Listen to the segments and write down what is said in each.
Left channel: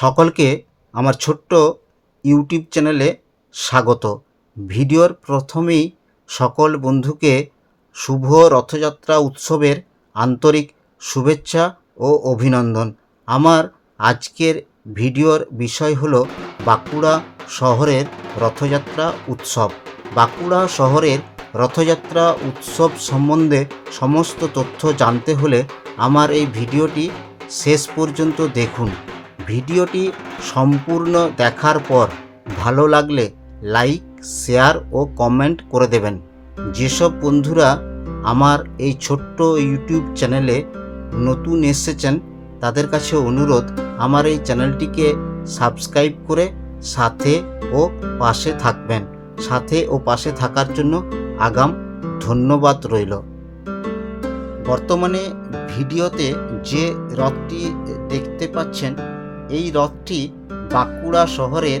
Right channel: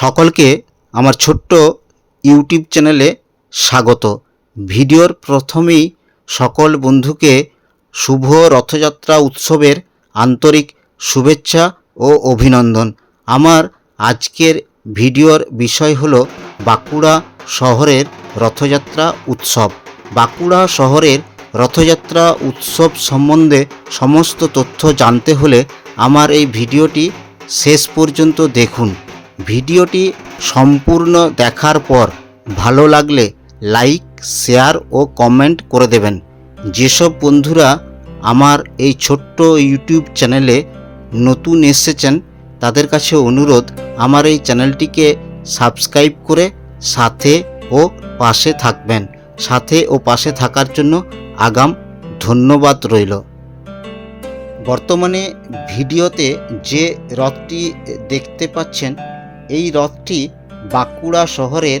সকলকে আমার ছোট্ট ইউটিউব চ্যানেলে স্বাগত। ভিডিওর প্রথমেই সকল বন্ধুকে শুভ রথযাত্রা উৎসবের আন্তরিক শুভেচ্ছা ও অভিনন্দন। আমার আজকের ভিডিওর বিষয় হলো বাঁকুড়া শহরের রথযাত্রা উৎসব। বাঁকুড়া শহরের রথযাত্রা উৎসব সম্বন্ধে সমস্ত তথ্য জানতে হলে আমার এই ভিডিওটি শেষ পর্যন্ত দেখুন। ভিডিওটি সম্পূর্ণ দেখার পর ভালো লাগলে লাইক, শেয়ার ও কমেন্ট করে দেবেন। যেসব বন্ধুরা আমার এই ছোট্ট ইউটিউব চ্যানেলে নতুন এসেছেন তাদের কাছে অনুরোধ, আমার এই চ্যানেলটিকে সাবস্ক্রাইব করে সাথে ও পাশে থাকবেন। সাথে ও পাশে থাকার জন্য আগাম ধন্যবাদ রইল। বর্তমানে ভিডিওতে যে রথটি দেখতে পাচ্ছেন, এই রথটি বাঁকুড়া শহরের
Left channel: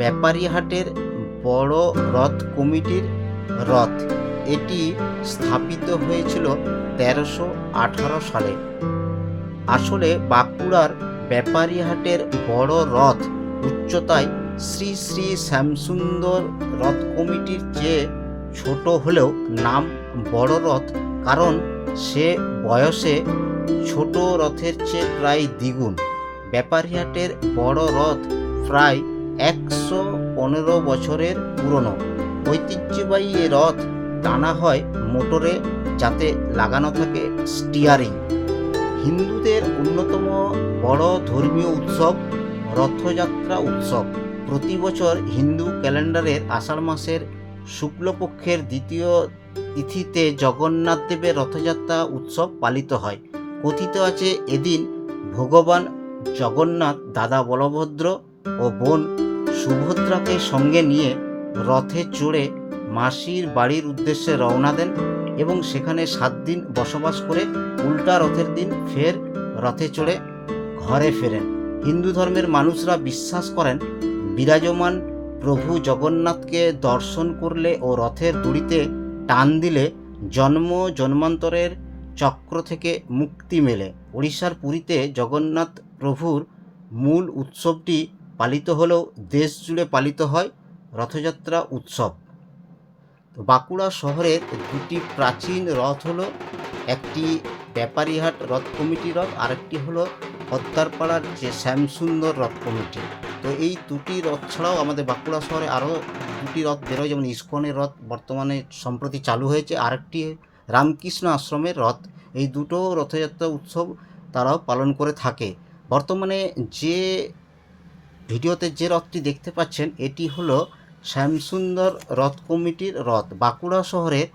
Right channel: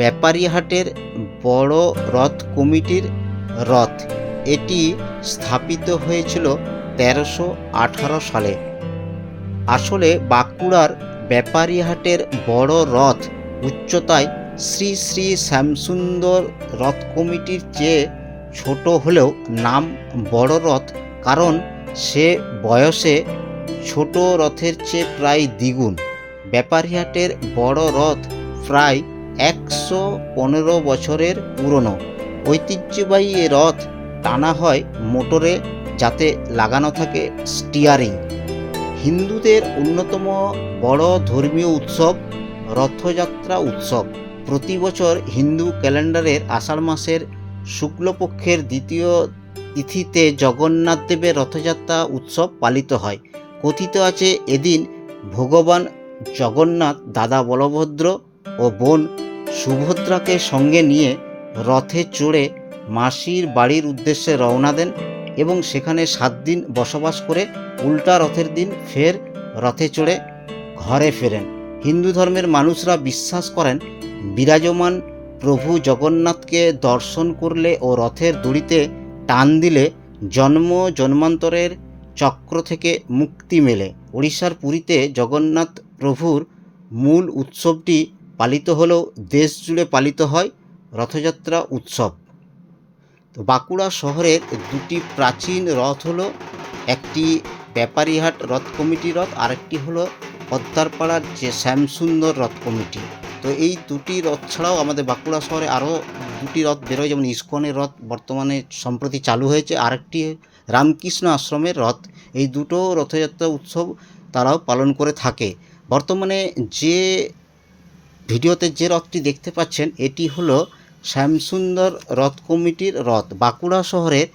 ব্যাপারীহাটের বড় রথ কমিটির রথ। এটি স্থাপিত হয়েছিল 1318 সালে। আসলে বাঁকুড়ার ব্যাপারীহাটের বড় রথ উচ্চতায় শ্রী শ্রী শ্যামসুন্দর রথ কমিটির চেয়ে ছোট হলেও নাম বড় রথ, কারণ সে বয়সে ছোট রথের চেয়ে প্রায় দ্বিগুণ। ব্যাপারীহাটের বড় রথ প্রায় 115 বছরের পুরনো। ঐতিহ্যবাহী এ রথ টানা হয় মোটরে, যাতে লাগানো থাকে স্টিয়ারিং। হিন্দুদের অন্যতম বড় ধর্মীয় উৎসব রথযাত্রা উৎসব। প্রতি বছর হিন্দু ক্যালেন্ডারের আষাঢ় মাসের শুক্লপক্ষের দ্বিতীয় তিথিতে জগন্নাথ দেবের রথযাত্রা উৎসব পালিত হয়। কথিত আছে, এদিন ভগবান জগন্নাথ দাদা বলভদ্র ও বোন সুভদ্রাকে সঙ্গে নিয়ে রথে চড়ে মাসির বাড়ির উদ্দেশ্যে রওনা দেন এবং সেখানে 7 দিন বসবাস করে উল্টা রথের দিন ফের রথে চড়ে ঘরে ফেরেন। হিন্দু ধর্মের মানুষরা বিশ্বাস করেন, বিরাজমান প্রভু জগন্নাথকে দর্শন করলে ও রথের দড়িতে টান দিলে জন্ম জন্মান্তরের চক্র থেকে মুক্তি মেলে। ওড়িশার পুরীতে জগন্নাথ প্রভুর মূল উৎসবটি পালিত হলেও দেশ জুড়ে পালিত হয় রথযাত্রা উৎসব। তো বাঁকুড়া শহরের দুটি প্রাচীন রথ হলো, একটি ব্যাপারীহাট রথ কমিটি রথ, আরেকটি হলো পদ্মারপাড়ার যে শ্যামসুন্দর রথ কমিটি। তো এই দুটি রথ ছাড়াও আমাদের বাঁকুড়া শহরে আরও দুটি রথ বেরোয়, যেমন ইস্কনের রথ বর্তমানে সম্প্রতি চালু হয়েছে, আরেকটি রামকৃষ্ণ আশ্রমের রথ। এই দুটো রথযাত্রা উৎসব তারাও পালন করে থাকে। বর্তমানে যে ভিডিওতে যে রথটি দেখতে পাচ্ছেন, এটি হলো শ্যামসুন্দর রথ কমিটির রথ। বাঁকুড়া শহরের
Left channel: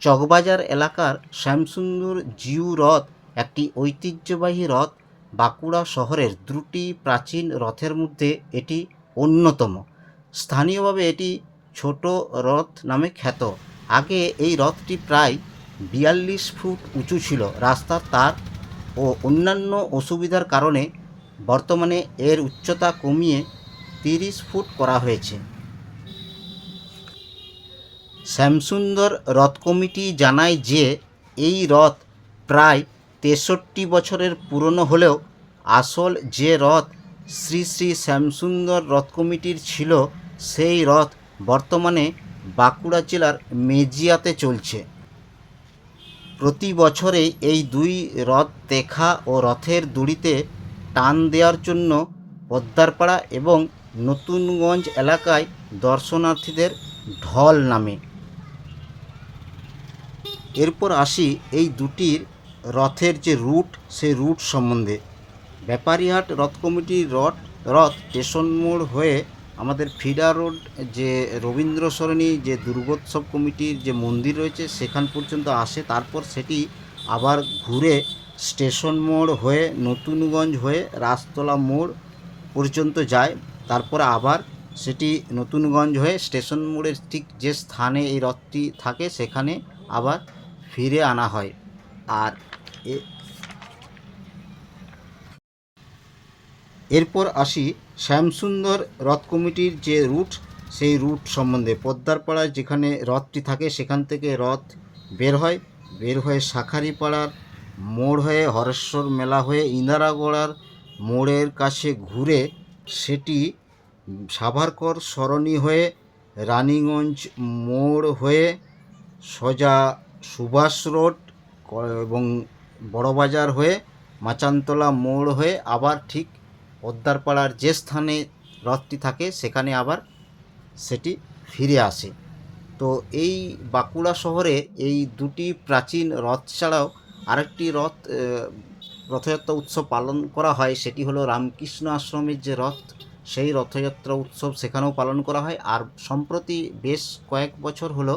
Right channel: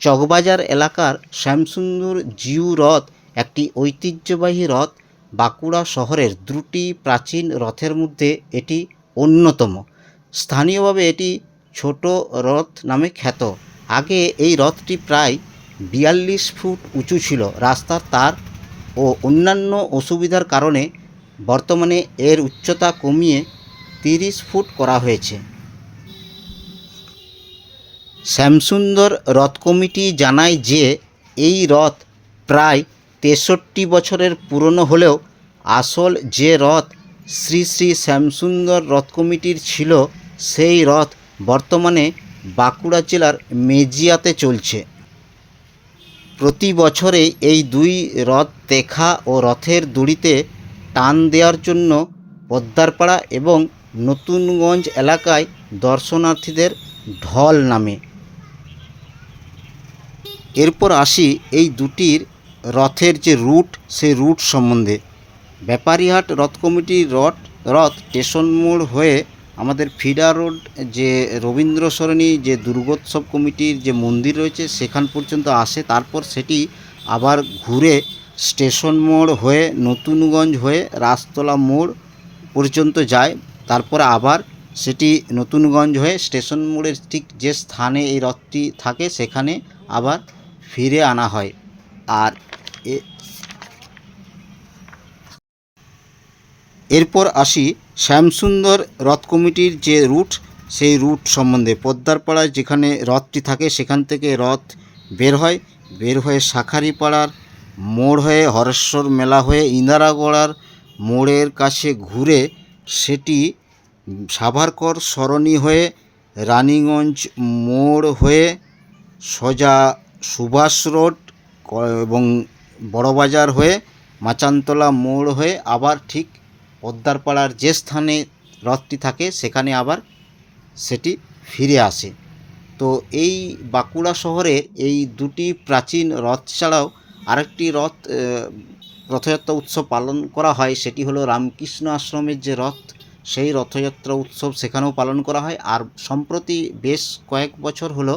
চকবাজার এলাকার শ্যামসুন্দর জিউ রথ একটি ঐতিহ্যবাহী রথ। বাঁকুড়া শহরের দুটি প্রাচীন রথের মধ্যে এটি অন্যতম। স্থানীয়ভাবে এটি ছোট রথ নামে খ্যাত। আগে এই রথটি প্রায় 42 ফুট উঁচু ছিল। রাস্তার তার ও অন্যান্য অসুবিধার কারণে বর্তমানে এর উচ্চতা কমিয়ে 30 ফুট করা হয়েছে। শ্যামসুন্দর রথ কমিটি জানায় যে এই রথ প্রায় 63 বছরের পুরনো হলেও আসল যে রথ শ্রী শ্রী শ্যামসুন্দর রথ কমিটির ছিল, সেই রথ বর্তমানে বাঁকুড়া জেলার মেজিয়াতে চলছে। প্রতি বছরে এই দুই রথ দেখা ও রথের দড়িতে টান দেওয়ার জন্য পদ্মারপাড়া এবং নতুনগঞ্জ এলাকায় দর্শনার্থীদের ঢল নামে। এরপর আসি এই দুটির রথের যে রুট, সেই রুট সম্বন্ধে। ব্যাপারীহাট রথ কমিটির রথ স্টেশন মোড় হয়ে আমাদের ফিডা রোড, যে রবীন্দ্র সরণি যে দুর্গোৎসব কমিটির যে মন্দির রয়েছে সেখান পর্যন্ত আসে। তারপর সেটি আবার ঘুরে স্টেশন মোড় হয়ে নতুনগঞ্জ হয়ে রাসতলা মোড় পর্যন্ত যায়। তারপরে আবার সেটি নতুনগঞ্জ হয়ে স্টেশন মোড়ের ঠিক যে স্থানে এই রথটি থাকে সেখানে আবার ফিরে আনা হয়। আর এরপর আসি শ্যামসুন্দর রথ কমিটির যে রুট, সেই রুট সম্বন্ধে। পদ্মারপাড়ায় যেখানে রথটি থাকে সেখান থেকে রথ বের হয়ে শাঁখারীপাড়ার মোড় হয়ে হরেশ্বর মেলা হয়ে ইন্দারাগড়ার মোড়ের কাছে ঘুরে সেটি সাভারকর সরণি হয়ে রানীগঞ্জ মোড় হয়ে সোজা সুভাষ রোড এবং বড়বাজার হয়ে মাচানতলা মোড় হয়ে আবার ঠিক পদ্মারপাড়ার যে স্থানে রথটি থাকে সেখানে আবার সেটি ফিরে আসে। তো এই বাঁকুড়া শহরে এই দুটি প্রাচীন রথ ছাড়াও আরেকটি রথযাত্রা উৎসব পালন করা হয়, সেটি হলো রামকৃষ্ণ আশ্রমের যে রথ, সেই রথযাত্রা উৎসব সেখানেও পালন করা হয়। আর সম্প্রতি বেশ কয়েক বছর হলো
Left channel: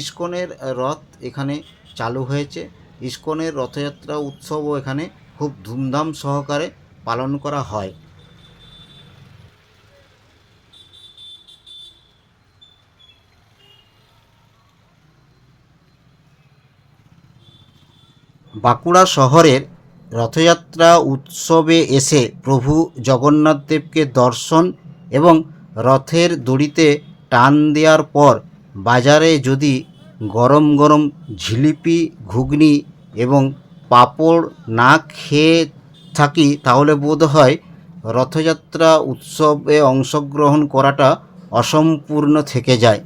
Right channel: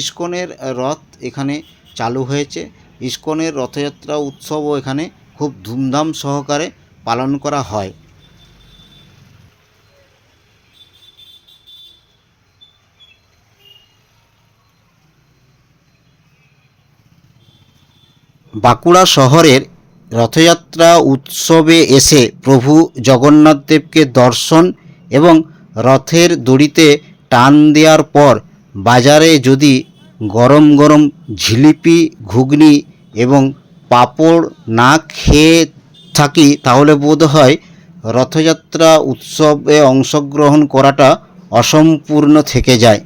ইস্কনের রথ এখানে চালু হয়েছে। ইস্কনের রথযাত্রা উৎসবও এখানে খুব ধুমধাম সহকারে পালন করা হয়। বাঁকুড়া শহরের রথযাত্রা উৎসবে এসে প্রভু জগন্নাথ দেবকে দর্শন এবং রথের দড়িতে টান দেওয়ার পর বাজারে যদি গরম গরম জিলিপি, ঘুগনি এবং পাঁপড় না খেয়ে থাকি তাহলে বোধহয় রথযাত্রা উৎসবে অংশগ্রহণ করাটা অসম্পূর্ণ থেকে যায়।